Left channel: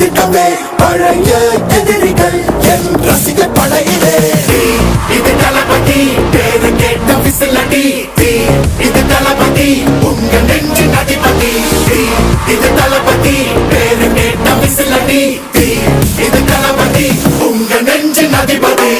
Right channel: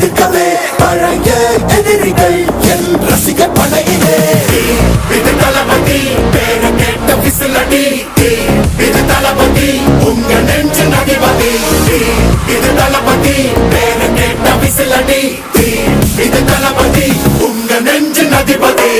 எதிர்க்கவே பழைய எதிரிகள் என் ரசிகர் படையிலே. இது தளபதி பேரு கேட்ட விசிலடி, இது தளபதி உங்க நெஞ்சின் அதிபதி. இது தளபதி பேரு கேட்ட விசிலடி, இது தளபதி உங்க நெஞ்சின் அதிபதி.